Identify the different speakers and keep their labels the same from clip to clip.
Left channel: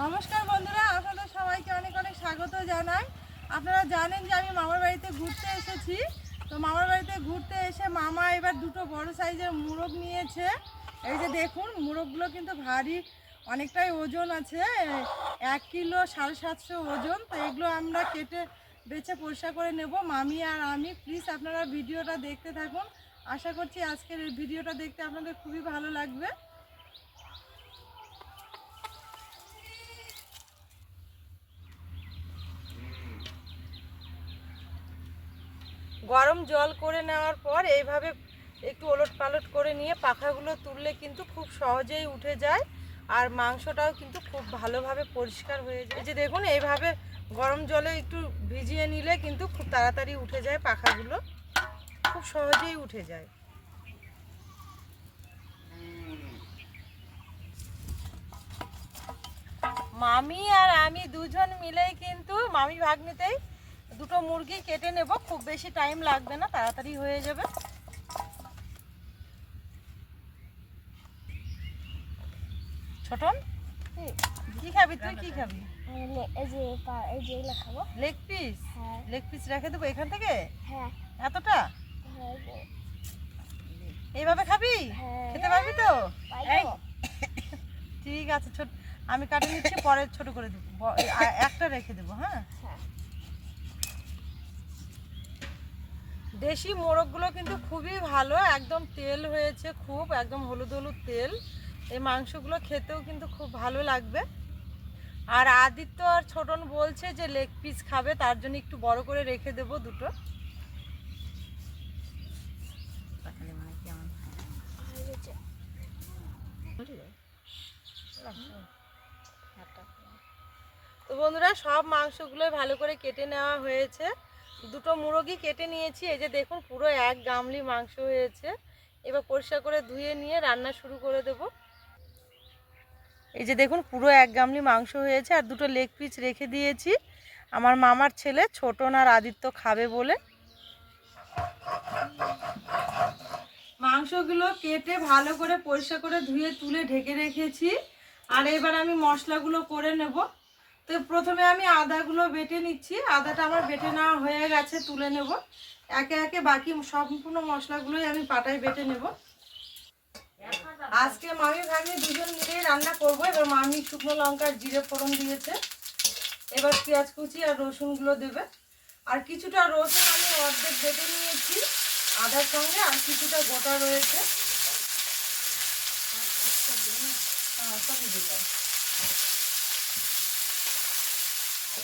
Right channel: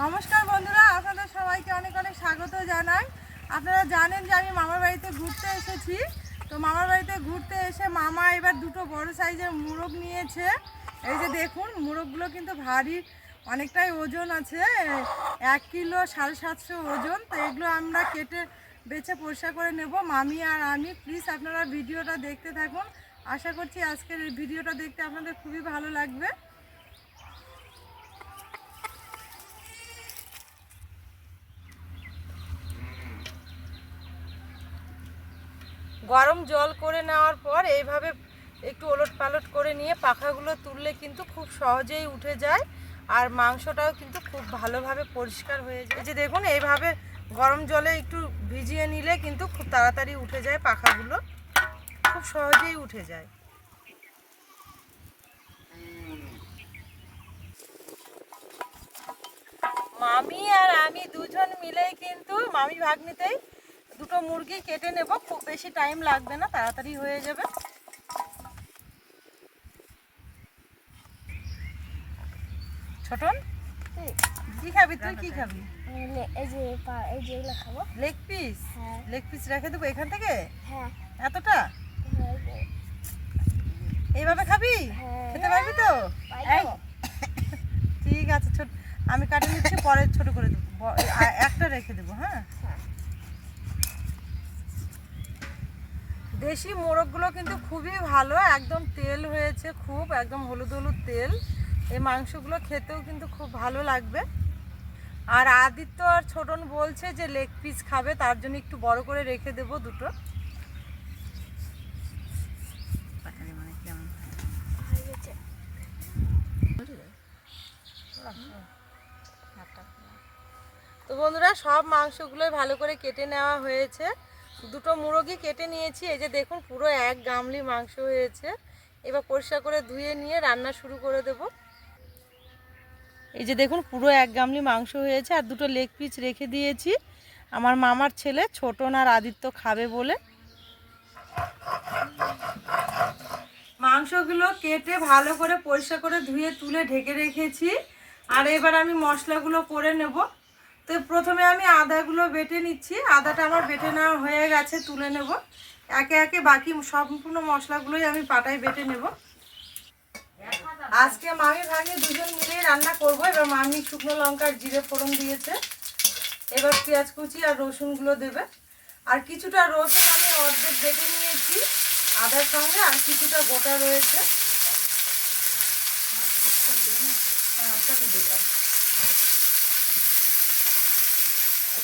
Speaker 1: নমস্কার বন্ধুরা আপনাদের সবাইকে অনেক অনেক স্বাগত জানাই। আপনারা জানেন যে আমি মামার বাড়িতে ঘুরতে এসেছি। তো মামার বাড়িতে ঘুরতে এসে মামা এবার দুটো বড় সাইজের মুরগ নিয়েছে। এই যে দেখুন, মুরগগুলো কিন্তু ভারী, অনেকটাই ওজন আছে। এক কিলো সাড়ে সাতশো ওজন। তো এগুলো আমরা কেটে বেছে পরিষ্কার করে নেব। মামি আর আমি প্লিজ আপনারা ভিডিওটা দেখতে থাকুন। আশা করছি আজকের ভিডিওটা দেখতে আপনাদের খুবই ভালো লাগবে। গরম জল করে নেওয়ার পর এইভাবে একটু ওলট পালট করে নিয়ে পাখাগুলো তুললে কিন্তু খুব সহজেই উঠে যায়। আর মাংসটাও কিন্তু খুব ভালোভাবে পরিষ্কার হয়ে যায়। যে দেখুন, এইভাবে গরম জলে একটু ভিজিয়ে নিলে কিন্তু খুব তাড়াতাড়ি উঠে যায় পাখাগুলো। খুব সহজেই উঠে যায়। মামি আর আমি দুজন মিলেই কিন্তু, মামি ভাগ্নিতেই দুটো মুরগি কেটে নেব খুব বেশি টাইম লাগবে না তাড়াতাড়ি হয়ে যাবে। ছোটন কি খাবি তুই? কি খাবি?
Speaker 2: এই যে এই যে এগুলো খাব।
Speaker 1: লেগ পিস
Speaker 2: হ্যাঁ।
Speaker 1: লেগ পিস রেখে দেবো এখান থেকে?
Speaker 2: হ্যাঁ।
Speaker 1: এতটা? এইভাবে খাবি?
Speaker 2: হ্যাঁ।
Speaker 1: খেতে পারবি তো? ঠিক আছে ছোট আমি কাটে নিচ্ছি পরে ছোট করে দেবো। একটা রেখে দেবো হ্যাঁ? দেশি মোরগগুলো কিন্তু খুবই ভালো একদম তেল হয়েছে খুব একদম হলুদ হলুদ তেল। এই মাংসগুলো খেতেও কিন্তু খুব ভালো লাগবে। আর আদিত্য আর ছোটন বলছে যে লেগ পিস খাবে তার জন্য একটু বড় করে রেখে দেবো দুটো। তো বন্ধুরা সব মাংসগুলোই ভালো করে কেটে নেওয়া হয়েছে। দুটো মুরগি কেটে নিয়েছি। এই যে দেখুন, পুরো এক গামলি মাংস হয়েছে। এবার পরিষ্কার করে ধুয়ে নিয়ে রান্না শুরু করে দেব। এই যে দেখুন, পুরো এক গামলি মাংস হয়েছে আর দুটো লেগ পিস রেখে দিয়েছি। আমার মামার ছেলে ছোটন আর আদিত্য খাবে বলে। মাংসগুলো কেটে ভালো করে পরিষ্কার করে ধুয়ে তুলে ঢেকে রেখেছি। আর এবার আমি মশলাগুলো করে নেব। তো প্রথমে আমি আদাগুলো বেটে নিচ্ছি। আদাটা আমার বেটে নেওয়া হয়ে গেছে তুলে নেব। একে একে বাকি সম্পূর্ণ মশলাগুলোই আমি পাটায় বেটে নেব। আজকে মামি ভাগ্নি দুজন মিলিয়ে রান্না করব। এবার মামি শুকনো লঙ্কার জিরে ফোড়ন দিয়েছে। এবার পেঁয়াজ কুচি আর রসুনগুলো দেবে। আর কিছুটা রসুন আমি অর্ধেক বেটে নিয়েছি আদার সঙ্গে আর কিছুটা গোটা রয়েছে। হ্যাঁ, সবই দিয়ে দাও।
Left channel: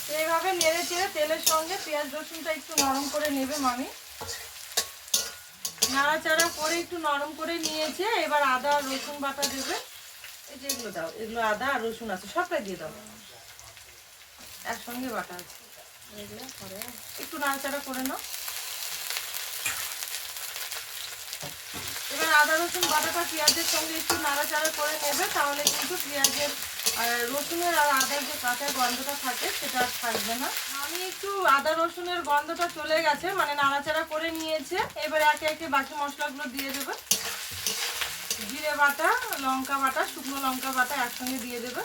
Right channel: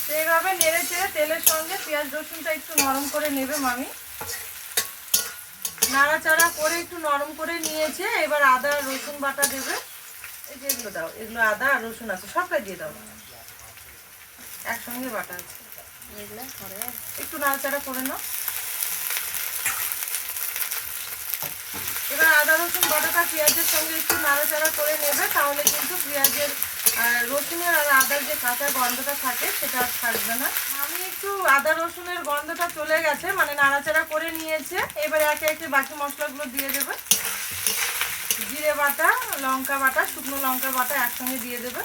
Speaker 1: তো এইভাবে নেড়ে চেড়ে তেলের সঙ্গে পেঁয়াজ রসুনটা একটু নরম করে নেবে মামি। নাড়াচাড়া করে একটু নরম করে নিয়েছে এবার আদা রসুন বাটা দেবে। এই যে এগুলো দাও এগুলো আদা আর রসুন আছে সবটা দিয়ে দাও। একসঙ্গে বাটা আছে। একটু নাড়াচাড়া করে নাও। এবার আদা রসুন বাটাটা পেঁয়াজের সঙ্গে একটু নাড়াচাড়া করে নেবে তাহলে কিন্তু পেঁয়াজের আহ, রসুনের আর আদার যে কাঁচা গন্ধটা থাকে সেটা আর থাকবে না। আমি একটু আদা রসুনের গন্ধটা চলে গেছে মানে নাড়াচাড়া করে নিয়েছে। এবার একে একে বাকি মশলাগুলো দিয়ে দেবে। জিরে বাটা লঙ্কা বাটা শুকনো লঙ্কা বাটা একসঙ্গে দিয়ে দেবে।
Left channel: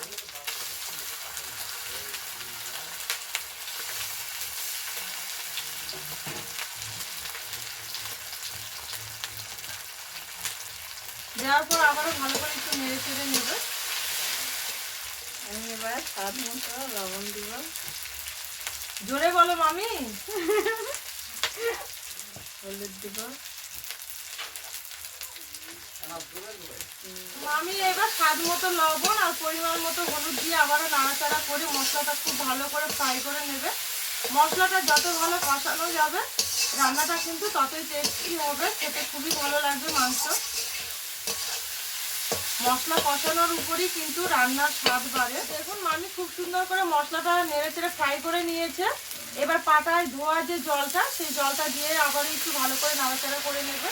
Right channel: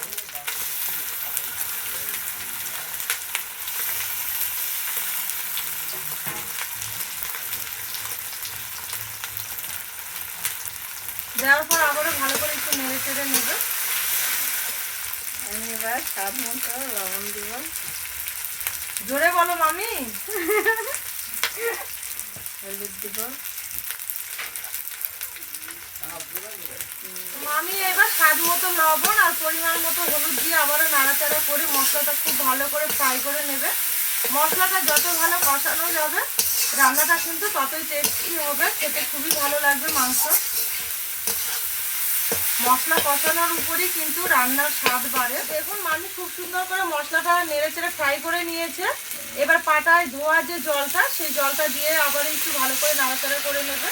Speaker 1: দেওয়ার পর আবারও ভালো করে একটু নেড়ে চেড়ে নেবে।
Speaker 2: এবার স্বাদ মতো লবণ দিব।
Speaker 1: জোরে বলো মামি।
Speaker 2: হলুদ দিব।
Speaker 1: মামি, এবার স্বাদ মতো লবণ আর পরিমাণ মতো হলুদ দিয়ে আবারও নাড়াচাড়া করে মশলাটা খুব ভালো করে ফ্রাই করে নেবে। মশলাটা যত ভালো কষানো যাবে, রান্নাটা কিন্তু ততই টেস্টি হবে। খেতে খুবই ভালো লাগবে মাংস। মশলা কষানোর উপরই কিন্তু রান্নার স্বাদ বাড়ে। দেখুন মামি খুব সুন্দর করে মশলাটা নেড়ে চেড়ে ফ্রাই করে নিয়েছে। এবার পাটায় ধোয়া যে জলটা, সেই জলটা দিয়ে আবার একটু ভালো করে নাড়াচাড়া করে নেবে।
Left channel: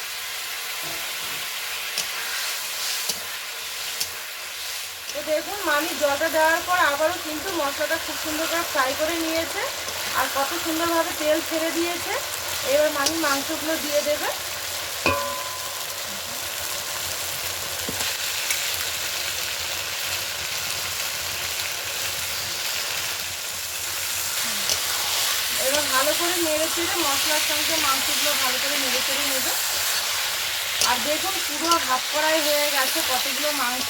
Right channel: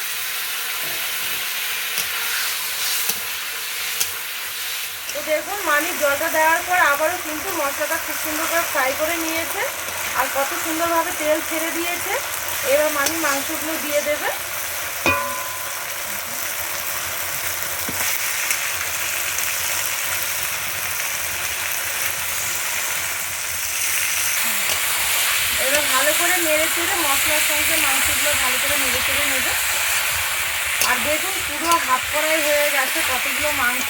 Speaker 1: তো দেখুন মামি জলটা দেওয়ার পর আবারও কিন্তু মশলাটা খুব সুন্দর করে ফ্রাই করে নিয়েছে। আর কত সুন্দরভাবে তেল ছেড়ে দিয়েছে। এবার মামি মাংসগুলো দিয়ে দেবে। নেড়ে চেড়ে মশলার সঙ্গে মাংসগুলো ভালো করে নেড়ে চেড়ে নেবে। আর দেখুন পুরো হাফ কড়াই হয়ে গেছে কতগুলো মাংস।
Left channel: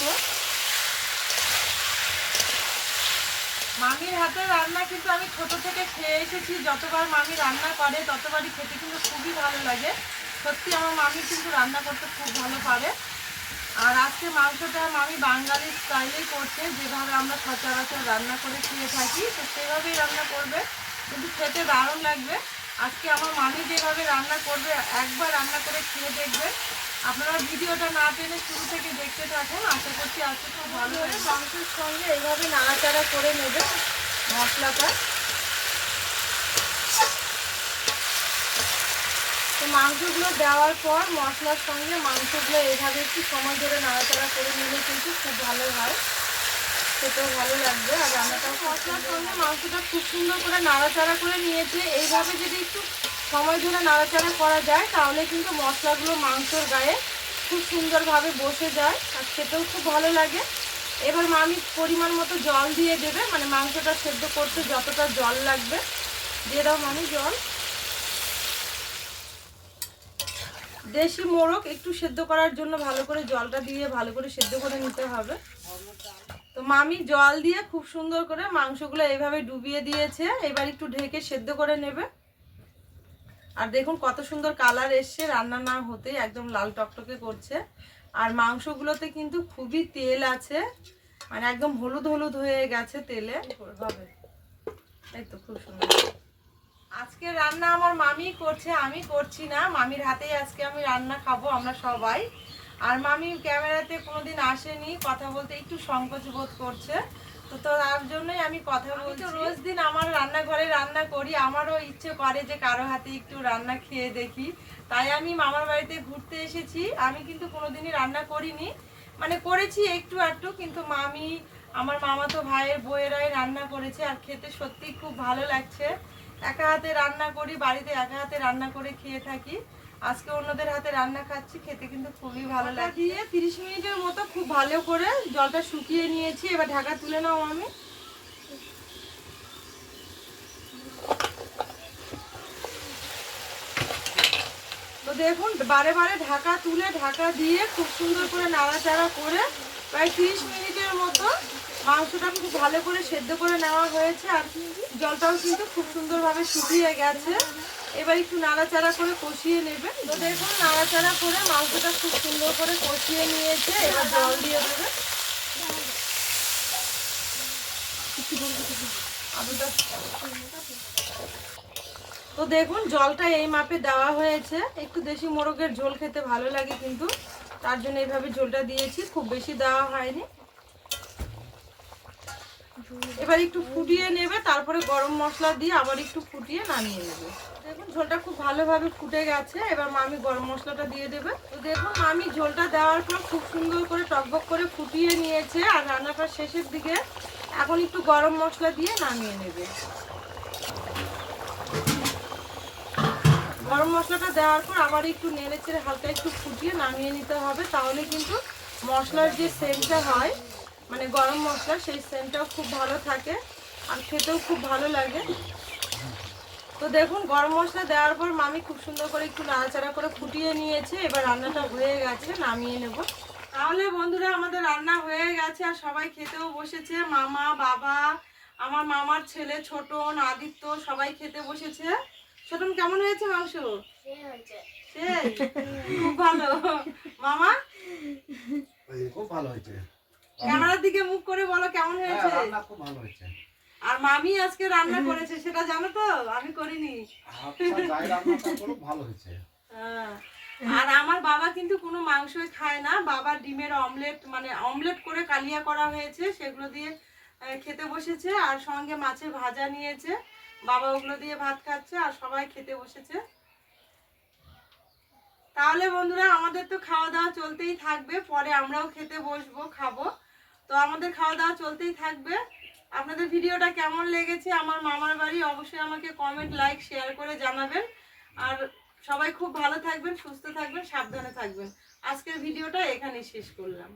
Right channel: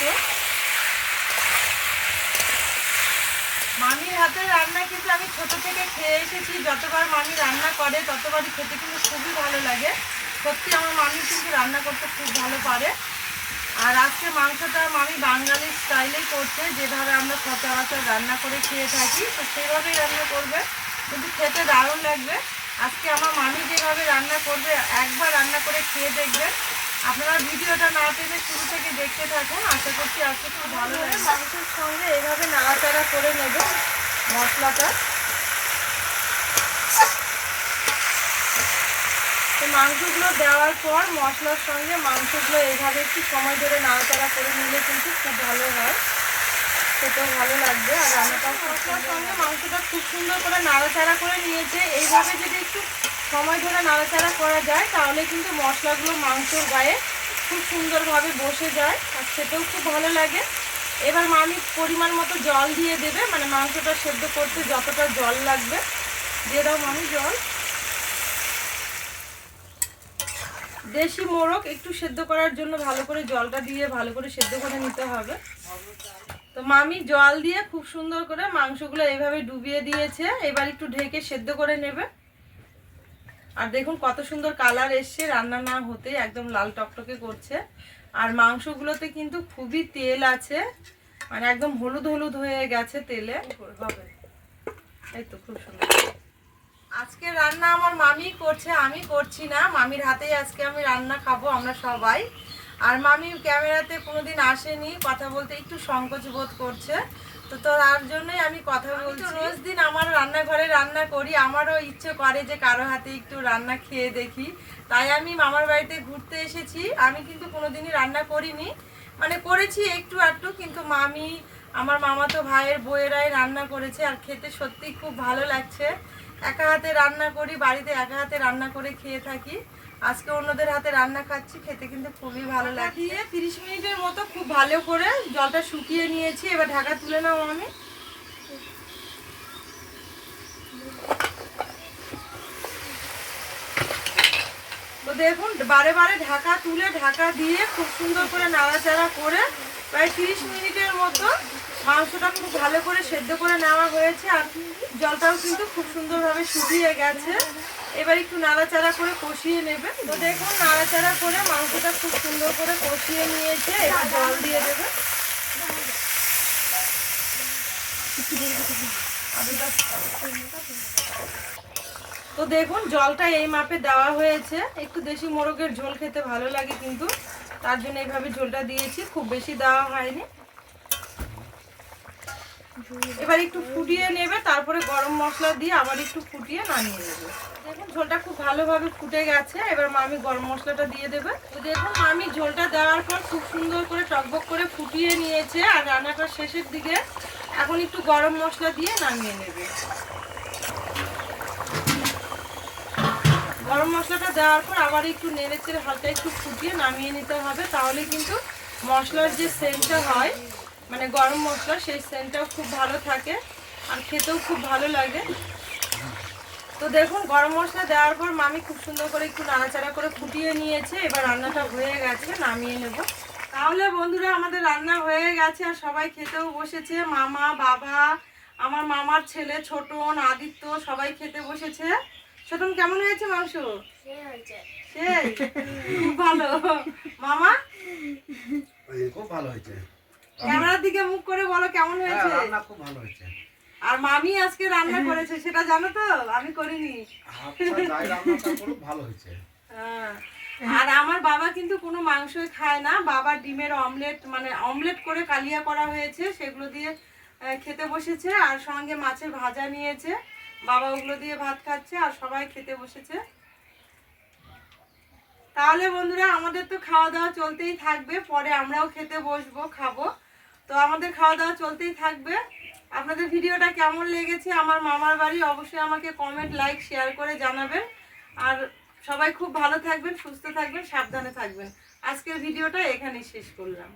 Speaker 1: মামির হাতের রান্না কিন্তু আমি ছোট থেকে খেয়ে এসেছি। যতবার মামি রান্না করে, ততবারই খেতে কিন্তু খুবই ভালো লাগে। সত্যি আমার মামি কিন্তু রান্না করতে খুব ভালো পারে। আর আজকে মাংসটা মামি বাঙালি স্টাইলেই করছে। যেভাবে আমরা সচরাচর রান্না করে খেয়ে থাকি, তো সেভাবেই রান্না করবে। কিন্তু খেতে দারুণ লাগবে। আজকে আমার মামি যেভাবে রান্না করবে একবার রান্না করে খেয়ে দেখবেন। আপনারা ভিডিওটা না টেনে শুরু থেকে দেখতে থাকুন। আশা করছি আজকে খুব ভালো লাগে মাংসের সঙ্গে এভাবে নাড়াচাড়া করে নেবে মশলাটা। তো মাংসগুলো দেওয়ার পর মশলার সঙ্গে মাংসগুলো এইভাবে একটু সময় ধরে নাড়াচাড়া করে নিলে কিন্তু খুব ভালো হয়। খেতেও ভালো লাগবে। আর মাংসটা খুব সুন্দর করে নাড়াচাড়া করে নিয়েছে। এইভাবে যদি একটু সময় ধরে নাড়াচাড়া করা যায়, তাহলে কিন্তু মশলাগুলো মাংসর গায়ে খুব সুন্দরভাবে বসে যায় আর খেতেও খুব ভালো লাগে। এবার মামি পরিমাণ মতো জল দিয়ে দেবে। মানে মাংসটা সেদ্ধ করতে যতটা জল লাগবে, দিয়ে দাও মামি জল। দেশি মোরগ একটু সেদ্ধ করার জন্য ভালো করে জলটা দিয়ে ভালো করে সেদ্ধ করে নিতে হবে। তো মামি জল দিয়ে খুব সুন্দর করে মাংসগুলো এইভাবে ডুবিয়ে দিয়েছে। এবার একটু ঢেকে সেদ্ধ করে নেবে। আর দেখুন কত সুন্দর কালার এসছে, রান্না না হতে একদম লাল টকটকে করছে। আর মাংসগুলোতে কিন্তু খুবই তেল আছে মানে একদম হলুদ হলুদ হয়ে গেছে তেলে। হবে এই তো খুব সুন্দর। আজকে রান্না আমার মামি করছে, আমি করছি না। মামির হাতেই আজকে আমি রান্না খাব আমরা সবাই। আর মামি ক্যামেরাতে কোনোদিন আসেনি কথা বলতে একটু সংকোচ বোধ করছে। তো তো তার জন্যই আমি কথা বলছি। রোজ দিন আমার রান্নাঘরে রান্না করি আমারও ইচ্ছে করে যে কারও হাতে একটু রান্না খেয়ে দেখি। তাই আমি মামার বাড়িতে ঘুরতে এসেছি। আমি কিন্তু কোনোদিনই রান্না করিনি। মানে করেছি একটু একটু কিন্তু মামি আমার মামা তো ভাইয়ের বইয়েরাই রান্না করেছে আর খেতে সত্যিই খুব ভালো লাগছে। একা হাতে রান্না করি বাড়িতে একা হাতে রান্না করে খেয়ে থাকি। আজকে অন্যদের হাতে রান্না খাচ্ছি খেতে কিন্তু খুবই ভালো লাগে দিয়ে তিরিশ মিনিটের মতো খুব ভালো করে জলটা শুকিয়ে নিয়েছি এবার ঢাকা তুলে নাও আমি। তো দেখুন বারে বারে ঢাকা তুলে ঢাকা দিয়ে খুব সুন্দর করে নাড়াচাড়া করে প্রায় তিরিশ মিনিটের মতো মাংসটা খুব ভালো করে সেদ্ধ করে নেওয়া হয়েছে আর জলটাও কিন্তু খুব সুন্দরভাবে শুকিয়ে গেছে। এবার একটু নাড়াচাড়া করে কষিয়ে নেবে তো দেখুন নাড়াচাড়া করে মাংসটা খুব সুন্দর করে কষিয়ে নিয়েছে, এবার জল দিয়ে দেবে তো দেখুন, জলটা এই মাপে দেওয়া হয়েছে। একটু দেশি মোরগের ঝোল খেতে ভালো লাগে কিন্তু। তার জন্য এইভাবে ঝোলটা দিয়েছি, খুব বেশি দেওয়া হয়নি। এবার একটু ফুটিয়ে নেবে, তারপরে গরম মশলা দিয়ে আবার একটু ফুটিয়ে নামিয়ে নেবে। দেখুন, ঝোলটা খুব ভালোভাবে ফুটে গেছে, এবার মামি গরম মশলাটা দিয়ে দেবে। তো দেখুন, মামি ঝোলটা দেওয়ার পর খুব সুন্দর করে টকবক করে ফুটিয়ে নিয়েছে, আর রান্নাটা শেষের দিকে এখন একটু গরম মশলা দিয়ে নামিয়ে নেবে। গরম মশলাটা দেওয়ার পর আবার একটু নেড়ে চেড়ে হালকা একটু ফুটিয়ে নামিয়ে নিতে হবে, তাহলে কিন্তু মশলার যে সেন্টটা হয় মানে গরম মশলা সেই সেন্টটাও খুব ভালো থাকে আর খেতেও খুব ভালো লাগে। তো দেখুন গরম মশলা দেওয়ার পর মামি খুব সুন্দর করে একটু নাড়াচাড়া করে ফুটিয়ে নিয়েছে। এবার রান্নাটা হয়ে গেছে নামিয়ে নেব। তাহলে বন্ধুরা আমাদের রান্না হয়ে গেছে আর সবাই খেতেও বসেছে। মামা বাবা আমার মামার ছেলে ছোটন আদিত্য সবাই খেতে বসেছে। ছোটন কেমন হয়েছে মাংস? সেই খুব ভালো। মামা?
Speaker 3: খুব ভালো হয়েছে।
Speaker 1: ক্যামেরার দিকে মুখ করে বলো কেমন
Speaker 3: হ্যাঁ,
Speaker 1: হয়েছে?
Speaker 3: রান্না খুব ভালো হয়েছে।
Speaker 1: আর মামি আজকে রান্না করেছে সেটা জানো তো? আমি করিনি।
Speaker 3: খুব ভালো হয়েছে।
Speaker 1: হ্যাঁ। আর আমার বাবা কিন্তু কোনো মাংসই খায় না। বাবা ডিমের অমলেট মানে অমলেট করে কালিয়া করা হয়েছে সেগুলো দিয়ে খেতে বসেছে আর সঙ্গে মাছের ভাজা নিয়েছে। বাবা ওগুলো দিয়ে ভাত খাচ্ছে আর সবাই খেতে বসেছে। তাহলে বন্ধুরা আমাদের তো খাওয়া দাওয়া চলতেই থাকবে পরে আমরাও খেতে বসবো খাব। তো আমাদের খাওয়া দাওয়া চলতেই থাকবে। আপনাদের ভিডিওটা কেমন লেগেছে আমার মামার বাড়ি অবশ্যই আমাকে কমেন্ট লাইক শেয়ার করে জানাবেন। আর সবাই খুব ভালো থাকবেন, সুস্থ থাকবেন, সাবধানে থাকবেন। আজকের ভিডিওটা এখানেই শেষ করলাম।